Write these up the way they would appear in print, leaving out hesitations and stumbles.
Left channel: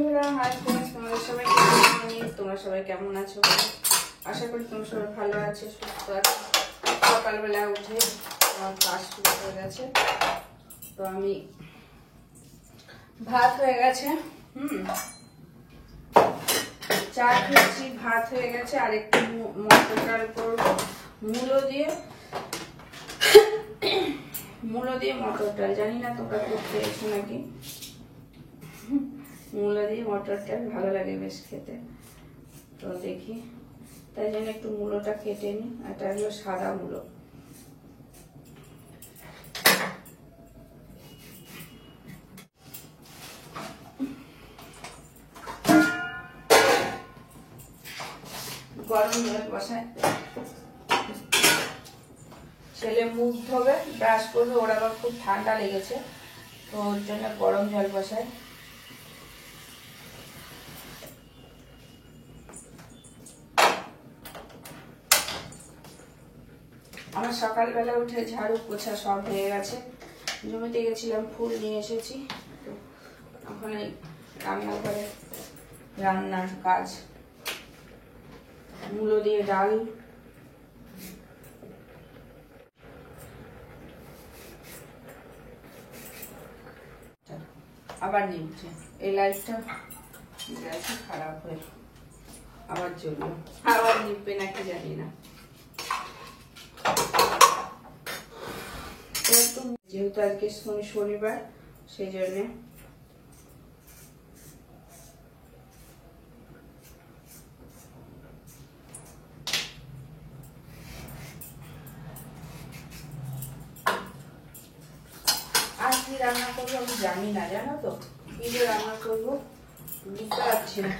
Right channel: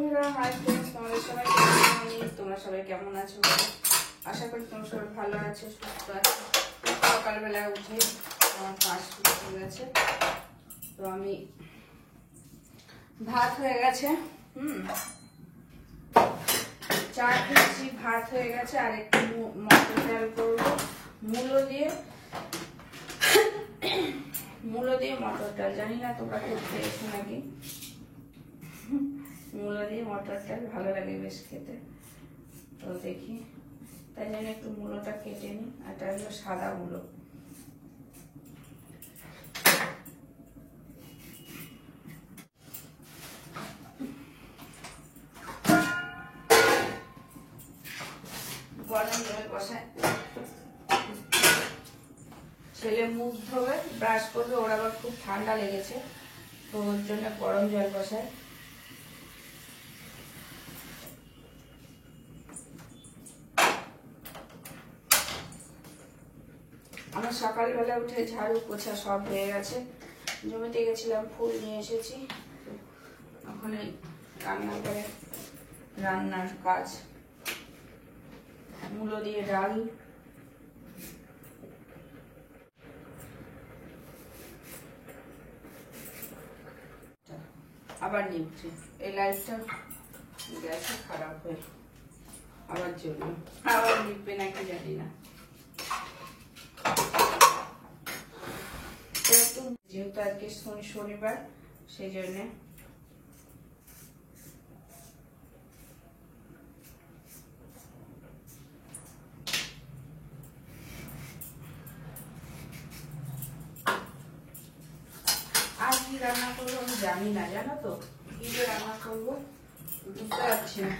বন্ধুরা, hi friends, তোমরা সবাই কেমন আছো? আশা করি তোমরা সবাই ভালো আছো, সুস্থ আছো। সকালবেলা উঠে আমার কাজ শুরু হয়ে গেছে। তো আমি ভাত হয়ে গেছে, চা খেয়েছি, ভাত হয়ে গেছে। আর একটু মটর ডাল করবো মূলো দিয়ে মটর ডাল। জানি না তোমরা করতে এসো নাকি। মূলো দিয়ে মটর ডাল ভালো লাগে বেশ খেতে। তো দেখি, তাই জন্য একটু মূলোটা কেটে নিই। এটা হলো সাদা মূলো। গরম জল বসায়, ছেলে মুখ ধোবে, ব্রাশ করবে। ওর আবার খুব ঠান্ডা লেগেছে, তো ওর জন্য গরম জল বসায়। আমার সকালবেলা উঠে ঝাড়ু পোছা সব হয়ে গেছে। জমিতে গেছিলাম, ফুল নিয়ে এসেছি। এখন এই রান্নাঘরে রান্নার কাজ। মূলো দিয়ে ডাল, আবার নিচ্ছে। এই লাইটটা গেছে খারাপ হয়ে, আবার জন্য আবার নিবে নাকি জানি না। যেহেতু আজকে শনিবার, সেই জন্য আর কি রান্না করবো আমি জানি না, জানো তো। কি যে রান্না করবো বুঝতে পারছি না,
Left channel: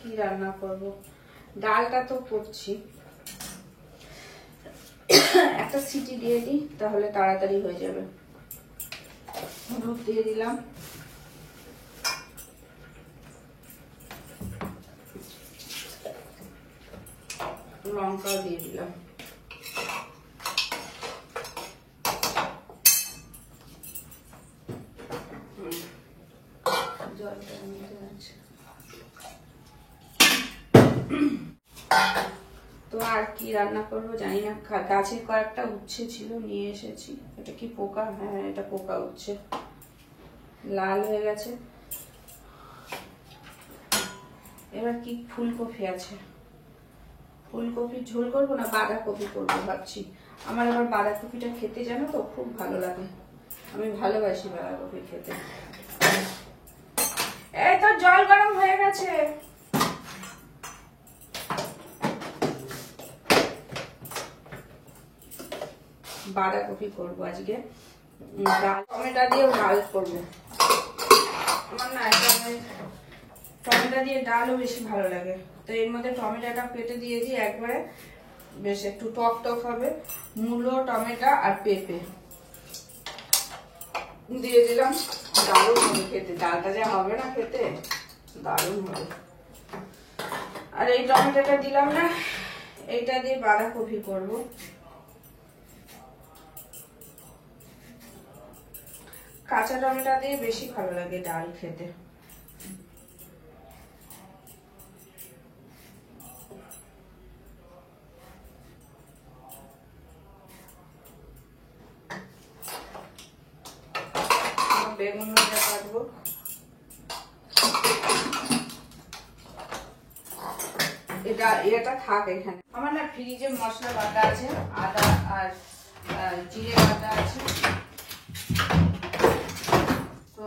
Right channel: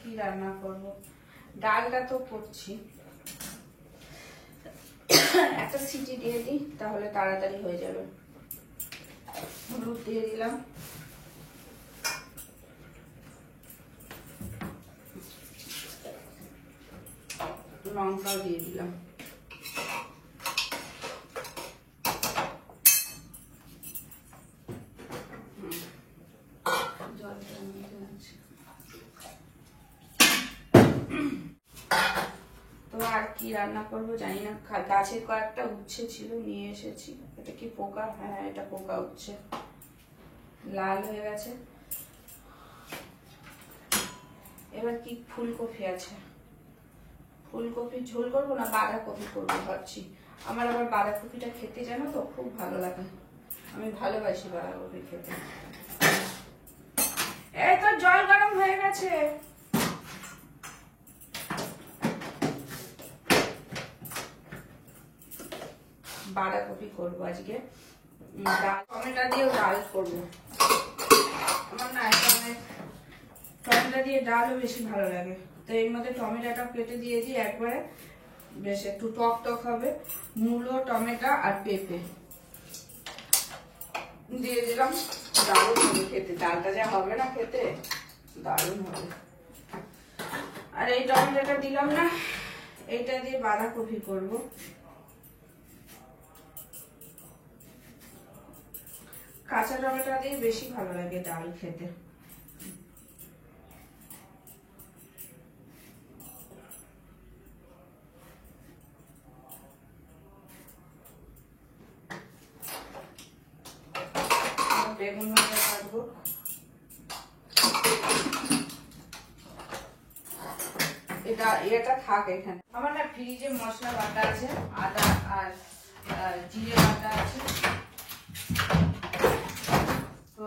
কি রান্না করবো। ডালটা তো করছি, একটা সিটি দিয়ে দিই তাহলে তাড়াতাড়ি হয়ে যাবে। হলুদ দিয়ে দিলাম, লঙ্কাও দিয়ে দিলাম। তো আর কি রান্না করবো জানি না। গাছের কয়েকটা উচ্ছে ছিল, নিয়ে এসেছি। এটা কি পোকা? হ্যাঁ, এটা পোকা উচ্ছে, লাল হয়ে গেছে। এবার কি ফুলকপি আছে, ফুলকপি ঝোল করবো না বাঁধাকপি করবো ভাবছি। আমার আবার বাঁধাকপিটা খেতে জানো তো খুব ভালো লাগে, আমি ভালোবাসি বাঁধাকপি খেতে। এই তো জল গরম হয়ে গেছে। বাঁধাকপি করবো আজকে, টমেটো দিয়ে ডাল করবো। আমার না টমেটো দিয়ে ডালও বেশি ভালো লাগে, তো এর মধ্যে টমেটোটা কেটে দিয়েছি একবারে, বেশ একটু টক টক হবে। মূলো, টমেটো আর পেঁপে দিয়ে দিলাম। দারুণ হবে খেতে, ডালটা যা হবে না খেতে, দারুণ হবে। আর এই টমেটোটা দিলাম না, এইটা দিয়ে বাঁধাকপি করবো। কাঁচা টমেটো দিয়ে বেশি ভালো লাগে ডাল খেতে। বেগুন ভাজা কাটবো। এটা থাক এখানে। আমার না ফ্রিজে মশলা বাটা আছে, আদা আর জিরে বাটা আছে, তো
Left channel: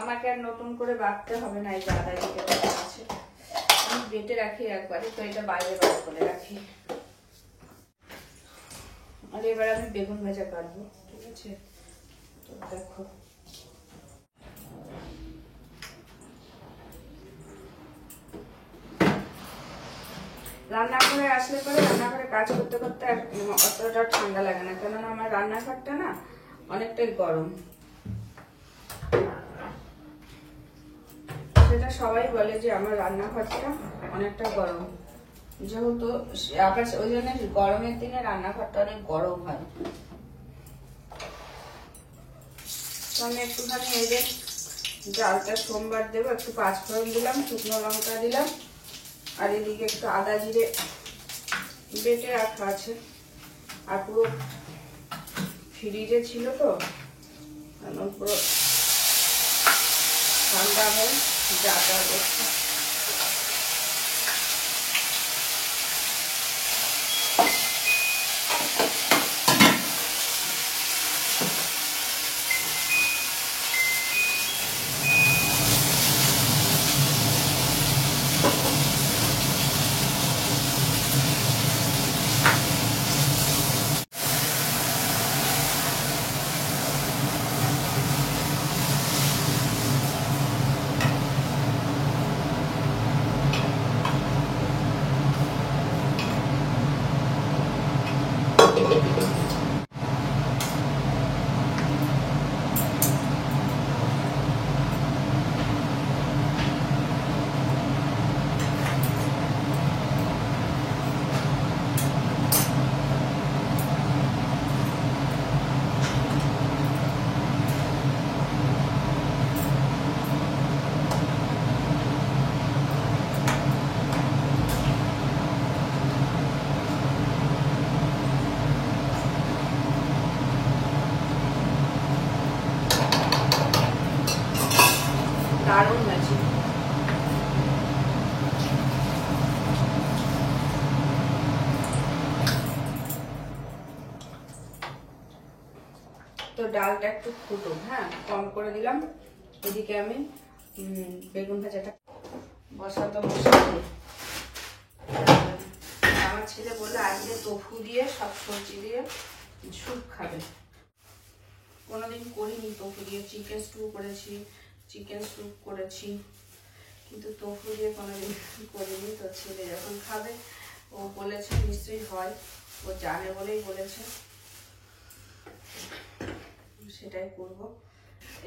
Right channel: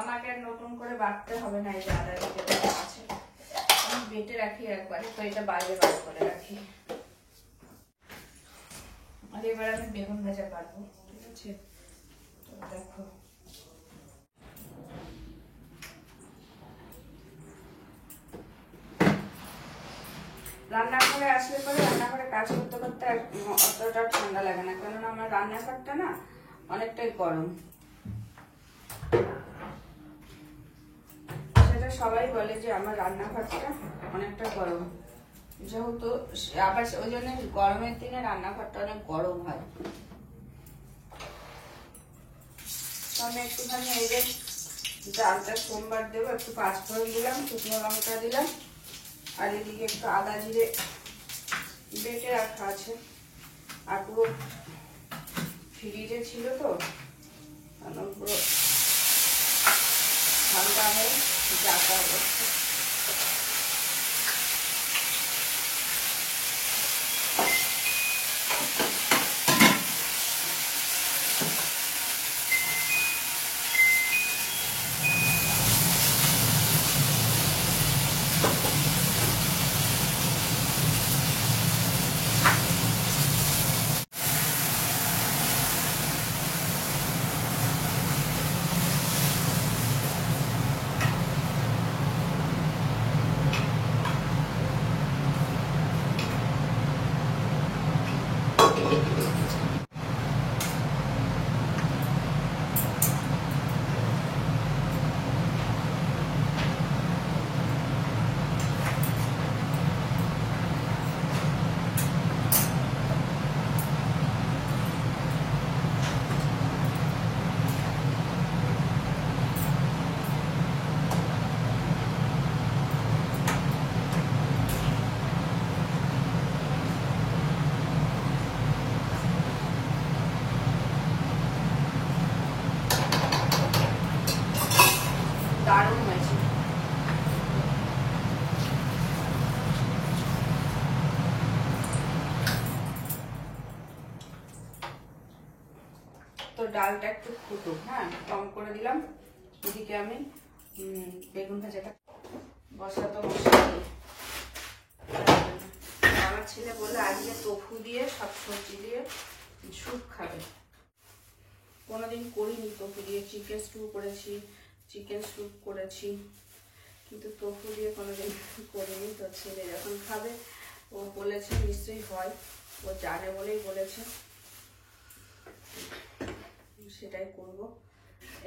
আমাকে আর নতুন করে বাটতে হবে না। এই আদা জিরে বাটা আছে, আমি বেটে রাখি একবারে, তো এটা বাইরে বার করে রাখি। আর এবার আমি বেগুন ভাজা কাটবো, ঠিক আছে? তো দেখো, রান্নাঘরে আসলে পরে রান্নাঘরে কাজ করতে করতে আর অতটা ঠান্ডা লাগে না, কেননা আমার রান্নাঘরটা না অনেকটাই গরম। সেটা সবাই বলে যে আমার রান্নাঘরটা অনেকটা গরম, যেহেতু আবার ওই জন্য গরমের দিনে রান্নাঘরটা অনেক গরম হয়। আমি একটুখানি এই যে ডালটা সোমবার দেবো, একটু পাঁচফোড়ন দিলাম, শুকনো লঙ্কা দিলাম, আর এদিকে একটু আদা জিরে বেটে রাখা আছে। আর পুরো ফ্রিজে ছিল তো, পুরো ঠান্ডা হয়ে যাতা হচ্ছে। দারুণ হয়েছে। তো ডালটা একটু ফুটুক, হ্যাঁ কম করে দিলাম। এদিকে আমি বেগুন ভাজাটা বসাতে বসিয়ে, আমার ছেলে বলে আজকে tofu দিয়ে সব সবজি দিয়ে স্যুপ খাবে। কোনোদিন করিনি tofu দিয়ে, চিকেন স্টু করেছি, চিকেন স্যুপ করেছি, কিন্তু tofu দিয়ে কোনোদিন করিনি। তো ছেলে যখন খাবে ও বলেছে নিশ্চয়ই হয়, ও জানে বলেই বলেছে, সেটাই করব।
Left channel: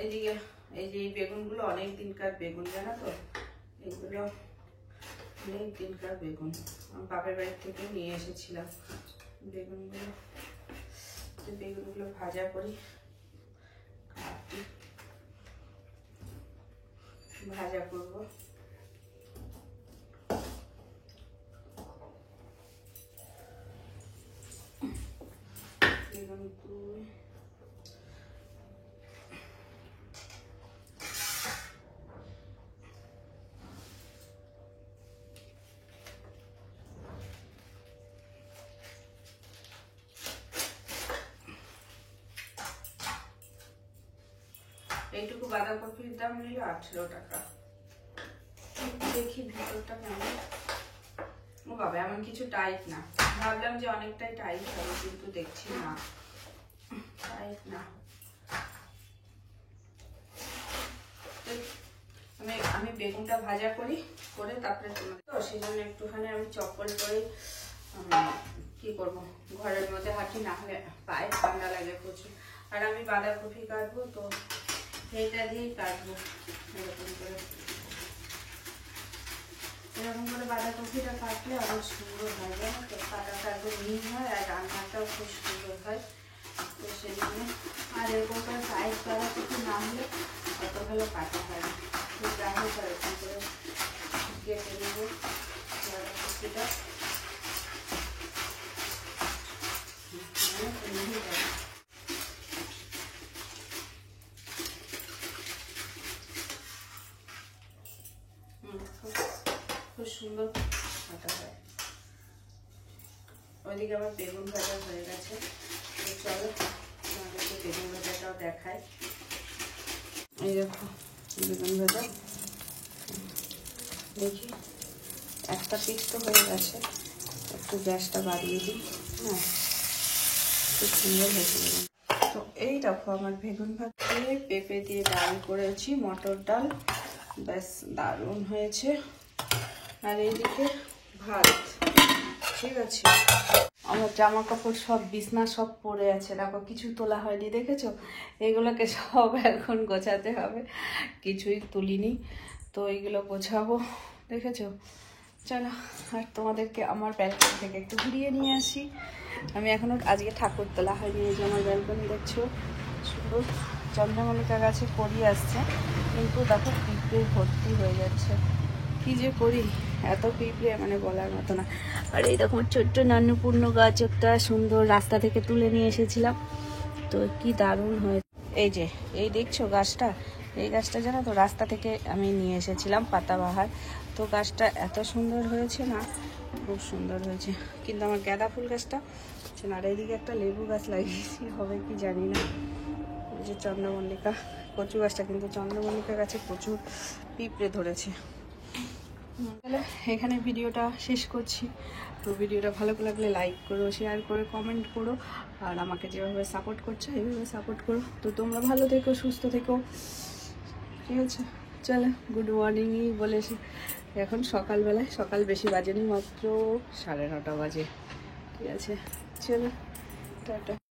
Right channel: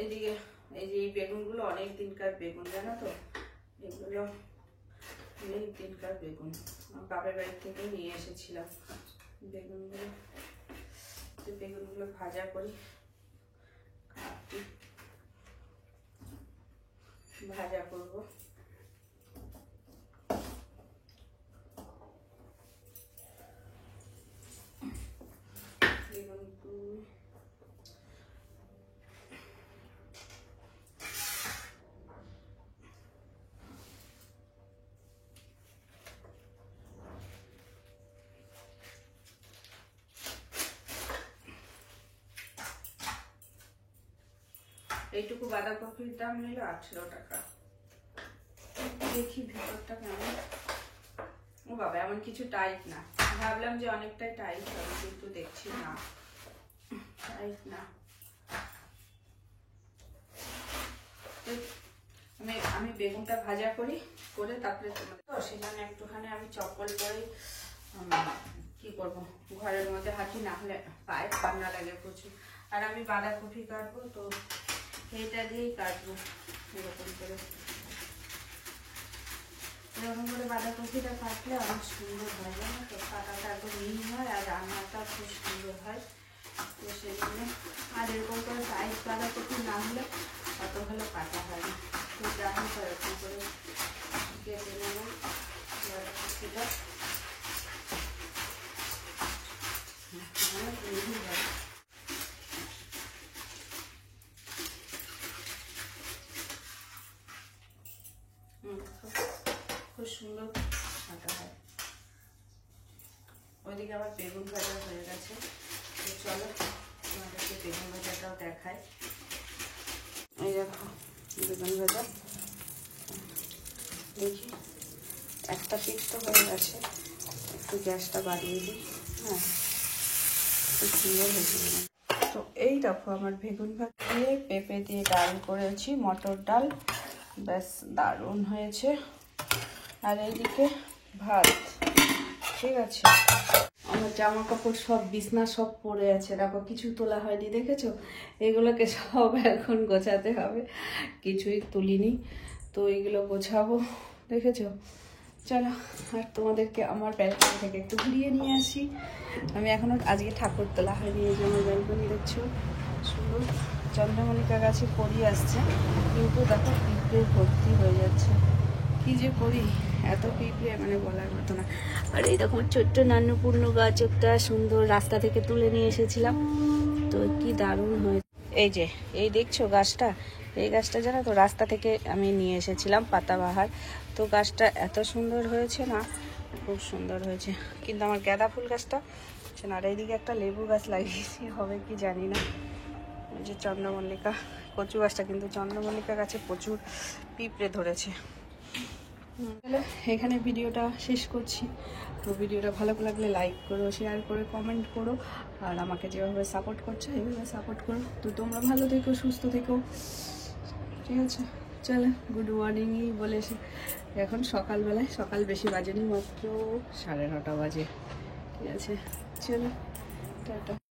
এদিকে এই যে এই বেগুনগুলো অনেক দিনকার বেগুন, জানো তো, এগুলো অনেক দিনকার বেগুন, আমার বাপের বাড়ি থেকে নিয়ে এসেছিলাম বেগুনগুলো। বেগুনগুলো ভাজা করি, ভাজা করব। এইটুকু বাঁধাকপির দাম নিল 18 টাকা। দেখি ভেতরটা কেমন। ও বাবা, এমন কিছু টাইট না, ভাবলাম যে অনেকটাই টাইট হবে, কিন্তু দেখছি না টাইট না। আমি বেগুনটা ভাজা করি, করে তারপরে তোমাদের, তো সেখানে একটুখানি আমি চপ্পল করে কি করব, ঘরের মধ্যে হাঁটি, না হলে পায়ে ঠান্ডা লাগে প্রচুর। আর আমি বাঁধাকপি কাটবো, তো এটা দিয়েই কাটবো। এরকম করে বাঁধাকপিটা কাটলে অনেক সুন্দর হয়, জানো তো, কাটাটা একদম মিহি হয় আর রান্নাটাও খুব সুন্দর হয়। তো সেজন্য, আর এরকম করে সাইজ বাঁধাকপি না হলে অত ভালো কাটা হয় না। তো যা হোক এরকম করে কেটে নেব বাঁধাকপিটা। খুব সুন্দর কাটা হয়। ওইদিকে আমার বেগুন ভাজা হয়ে গেছে, চলো আমাদেরকে বেগুন ভাজাটাও দেখায়। এই দেখো বেগুন ভাজা, দেখি একটা পিঠ তো হয়ে গেছে, একটু গ্যাসটা বাড়িয়ে দিই। হ্যাঁ, খুব সুন্দর হয়েছে। তো এই দেখো আমার বেগুন ভাজা দিয়ে পেঁপে দিয়ে ডাল করেছি, মটর ডাল, ব্যাস দারুণ হয়েছে। আর এইদিকে ভাত, ঠিক আছে। আমার জামা কাপড় সব বিছনা সব পড়ে আছে, দেখো কিছু তোলা হয়নি, দেখেছো? এগুলোকে সব এখন গোছাতে হবে, কিছুই তুলিনি, তো এইগুলো গোছাবো, দেখেছো? চলো আর তোমাদেরকে আমার ব্যালকনি থেকে একটু ঘুরিয়ে নিয়ে আসি। আমি এখনো আজকে ঠাকুর তোলা হয়নি, এই যে আমার ব্যালকনি দেখছো সুন্দর। চন্দ্রমল্লিকা গাছে করি আসছে, কিন্তু দেখো পিঁপড়ে ভর্তি হয়ে যাচ্ছে। কি যে করি, এত পিঁপড়ে মানে বলার মতো না। আর এই রকম ছোট্ট নান্যপূর্ণ গাছ একটা সুন্দর রাস্তা থেকে তুলে নিয়ে এসেছিলাম, তো কি দারুণ হয়েছে। এই যে এই দেখছো গাছটা, এই গাছটা জানো তো রাস্তা থেকে আমি নিয়ে এসেছিলাম, পাতাবাহার। তো গাছটা এত সুন্দর হয়েছে না, খুব সুন্দর হয়েছে। কিন্তু আমার গাঁদা ফুল গাছটা, আর এইদিকে একটা লেবু গাছ লাগিয়েছি, হবে কি জানি না। এই যে চন্দ্রমল্লিকা, কচু গাছটা, কিন্তু চন্দ্রমল্লিকা গাছে প্রচুর পিঁপড়ে ধরেছে। তাহলে এখানে ভিডিওটা শেষ করছি। তো ভিডিওটা ভালো লাগলে লাইক করো, শেয়ার করো, কমেন্ট করো, আর আমাকে যেভাবে সাপোর্ট করছো এইভাবে সাপোর্ট করো। তো তোমরা ভালো থেকো, সুস্থ থেকো, ঠিক আছে? চলো গুড মর্নিংই বলে এখন সকালবেলায়, সকাল বেশি বাজেনি, মাত্র 9:30 বাজে, ঠিক আছে? চলো টাটা।